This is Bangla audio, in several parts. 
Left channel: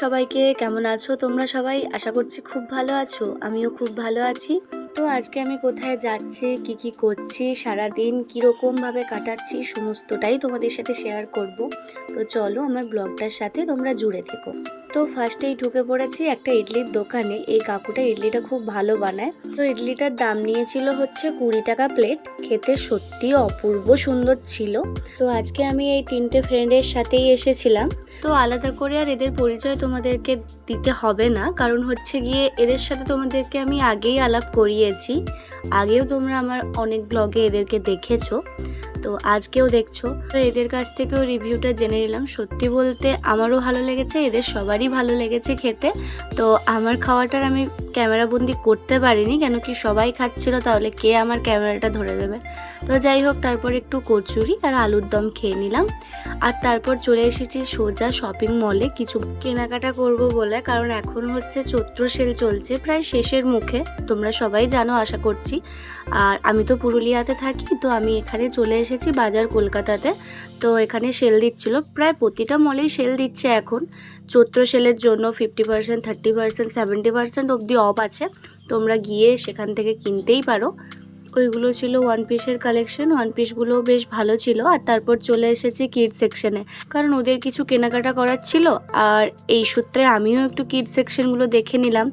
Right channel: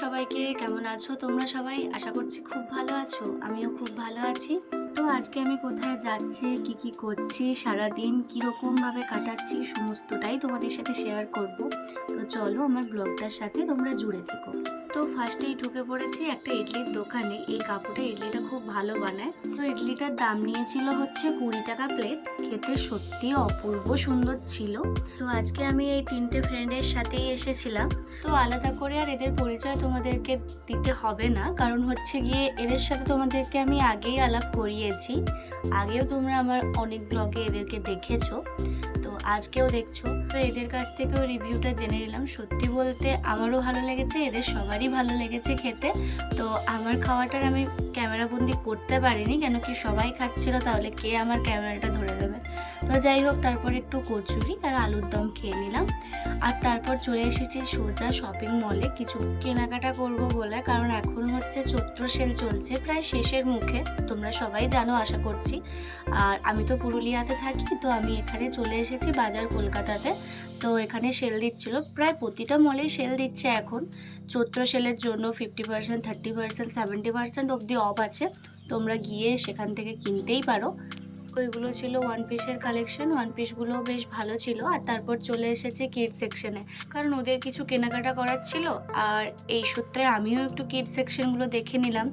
সবাইকে, কেমন আছো তোমরা সবাই? আশা করছি খুব ভালো আছো, আমিও খুব ভালো আছি। তো আজকে আমি কোথায় যাচ্ছি, কি কি করছি সারা দিন কীরকম ভাবে কাটাচ্ছি, সমস্তটাই তোমাদের সাথে শেয়ার করব। তো চলো আমার ব্লগটার সাথে তোমরা জুড়ে থেকো। তো ফার্স্টেই ঢুকে পড়েছি একটা ইডলির দোকানে। এই কাকুটা ইডলিটা খুব ভালো বানায়। তো ইডলিটার দাম নিয়েছিল হচ্ছে কুড়ি টাকা প্লেট খেতে সত্যি অপূর্ব সুন্দর ছিল। তো আজকে আমি এই তিনটে ফ্রেন্ডের সাথেই এসেছিলাম। তো আলাদা করে আর এদের পরিচয় তোমাদেরকে দিতে হবে না। কারণ হচ্ছে গিয়ে এদের সাথে তোমাদেরকে আমি আগেই আলাপ করিয়েছি। আগেও তোমরা আমার অনেক ব্লগে এদেরকে দেখেছ। তো আজকেও দেখছ। তো এদের কাছ থেকেও রিভিউটা জেনে নিলাম। সত্যি বলতে আমারও ভালো লেগেছে, এদের সবারই ভালো লেগেছে খেতে। তো আমার খাওয়াটার আমি ক্যামেরা বন্দি করতে পারিনি, কেন কি সবাই খাচ্ছিল, তাহলে কে আমার ক্যামেরাটা ধরে দেবে তো যাই হোক, তারপর একটু কচুরি আর আলুর দম খেয়ে নিলাম। আর তারপর চলে এসেছি সোজা শপিং মলে কিছু কেনাকাটা করব বলে, কারণ এখন হচ্ছে চৈত্র সেল চলছে প্রায় শেষের মুখে, তোমরা সবাই জানো, আশা করছি। আর আমি তো পুরুলিয়াতে থাকি, তো আমি এখানে চলে এসেছি বাজার কলকাতাতে। তো এখানে সেল দিচ্ছিল। প্রায় প্রতিটা মলেই সেল দিচ্ছে এখন। চৈত্র সেলের জন্য fifty percent thirty percent seventy percent অবধি অফ আছে। তোমরা গিয়ে সেখান থেকে কিনতেই পারো। ওইগুলো ছিল ওয়ান পিসের কালেকশন ওয়ান পিসগুলো বেশ ভালো ছিল। আর তারপর চলে এসেছি কিড সেকশনে কারণ ওদের কিছু কেনাকাটা করার ছিল। আর এই সূত্রে আমিও একটু কিড সেকশনগুলো দেখে নিলাম।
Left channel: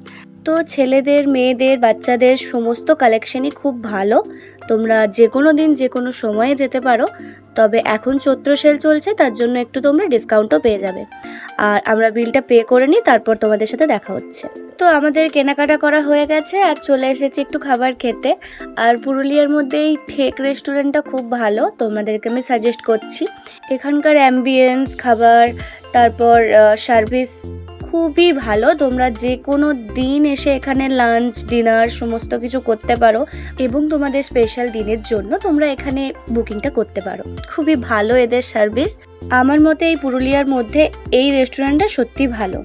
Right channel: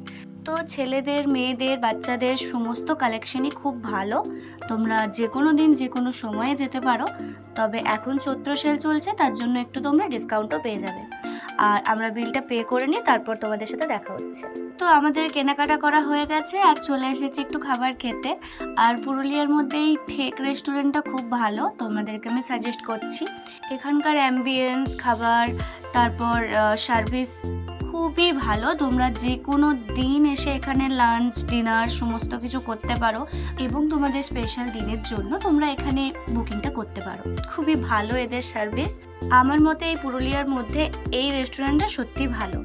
তো ছেলেদের, মেয়েদের, বাচ্চাদের সমস্ত কালেকশনই খুব ভালো। তোমরা যে কোনো দিন যে কোনো সময়ে যেতে পারো, তবে এখন চৈত্র সেল চলছে, তার জন্য একটু তোমরা ডিসকাউন্টও পেয়ে যাবে। আর আমরা বিলটা পে করে নিই, তারপর তোমাদের সাথে দেখা হচ্ছে। তো আমাদের কেনাকাটা করা হয়ে গেছে, আর চলে এসেছি একটু খাবার খেতে। আর পুরুলিয়ার মধ্যে এই ঠেক রেস্টুরেন্টটা খুব ভালো, তোমাদেরকে আমি সাজেস্ট করছি। এখানকার অ্যাম্বিয়েন্স খাবার, তারপর সার্ভিস খুবই ভালো। তোমরা যে কোনো দিন এসে এখানে লাঞ্চ ডিনার সমস্ত কিছু করতে পারো এবং তোমাদের স্পেশাল দিনের জন্য তোমরা এখানে বুকিংটা করতে পারো। খুবই ভালো এদের সার্ভিস আমার মতে এই পুরুলিয়ার মধ্যে এই রেস্টুরেন্টটা সত্যি ভালো।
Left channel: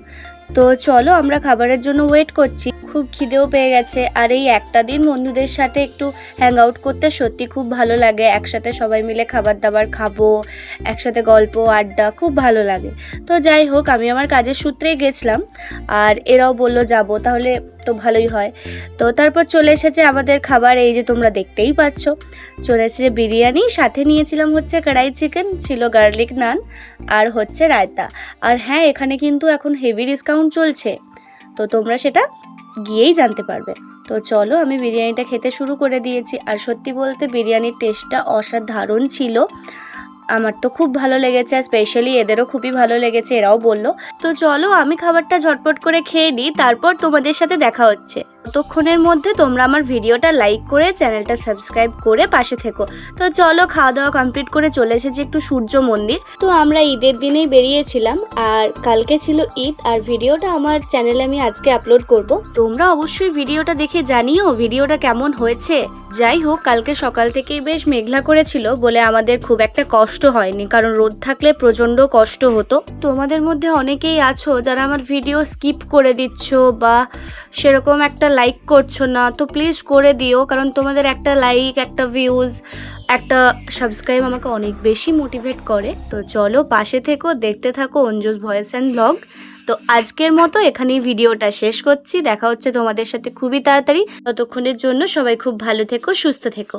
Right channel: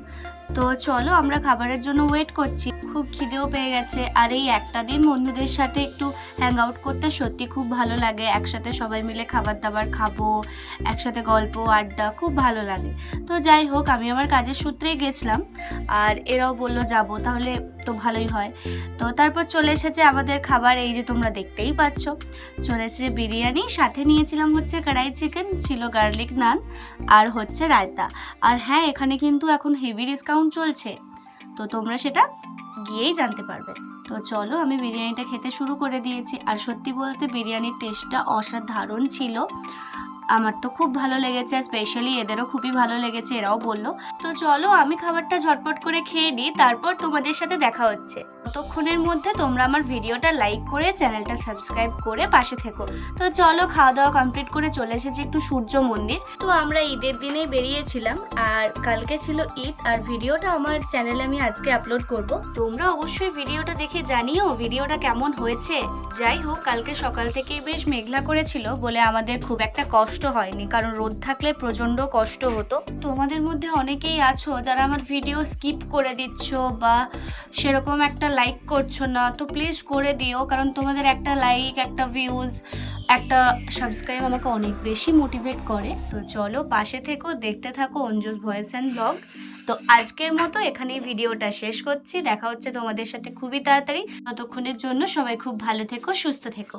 তো চলো আমরা খাবারের জন্য ওয়েট করছি। খুব খিদেও পেয়ে গেছে। আর এই একটা দিন বন্ধুদের সাথে একটু হ্যাং আউট করতে সত্যি খুব ভালো লাগে। একসাথে সবাই মিলে খাবার দাবার খাব, একসাথে গল্প, আড্ডা খুব ভালো লাগে। তো যাই হোক, আমি আমার কাজের সূত্রে গেছিলাম। আর এরাও বলল, যাব। তাহলে তো ভালোই হয়। তো তারপর চলে এসেছে আমাদের খাবার, এই যে তোমরা দেখতেই পাচ্ছ। চলে এসেছে বিরিয়ানি, সাথে নিয়েছিলাম হচ্ছে কড়াই চিকেন, ছিল গার্লিক নান আর হচ্ছে রায়তা। আর হ্যাঁ এখানে কিন্তু এখন হেভি ডিসকাউন্ট চলছে। তো তোমরা সেটা গিয়েই জানতে পারবে। তো চলো, আমি বিরিয়ানিটা খেতে শুরু করে দিয়েছি। আর সত্যি বলতে বিরিয়ানির টেস্টটা অসাধারণ ছিল। আমার তো খুব ভালো লেগেছে, আর স্পেশালি এদেরও খুবই ভালো লেগেছে, এরাও বলল, তো চলো আমি খাবারটা ঝটপট করে খেয়ে নিই, তারপর তোমাদের সাথে দেখা হচ্ছে। ততক্ষণের মধ্যে তোমরা আমার ভিডিওটা লাইক করে চ্যানেলটা সাবস্ক্রাইব করে পাশে থেকো। তো চলো খাওয়া দাওয়া কমপ্লিট করে চলে এসেছি একটু সূর্য মন্দির। তো আমরা ঈদের দিনেই বেরিয়েছিলাম আর কালকে ছিল ঈদ আর ভিডিওটা আমার চ্যানেলে আমি আজকে আপলোড করব। তোমরা অবশ্যই ভিডিওটা দেখে জানিও ভিডিওটা কেমন হয়েছে। যাই হোক, কালকে সকাল থেকেই বেশ মেঘলা করেছিল বলে আমাদের খুব একটা কষ্ট হয়নি, কারণ রোদ থাকলে প্রচণ্ড কষ্ট হতো। তোমাদের মধ্যে অনেকেই আছো যারা আমার ভিডিও স্কিপ করে দিচ্ছ বা সেরকম একটা লাইক করছ না, তো প্লিজ করে দিও, কারণ তোমাদের একটা লাইক একটা ভিউজ একটা সাবস্ক্রাইব আমাকে অনেক বেশি মোটিভেট করে। তো চলো পাশে থেকো, দেখতে থাকো অঞ্জুস ভয়েস অ্যান্ড ব্লগ তো আজকের মতো এখানেই ভিডিওটা শেষ করছি। দেখা হচ্ছে তোমাদের সাথে খুবই তাড়াতাড়ি। ততক্ষণের জন্য সবাই খুব ভালো থেকো, সুস্থ থেকো।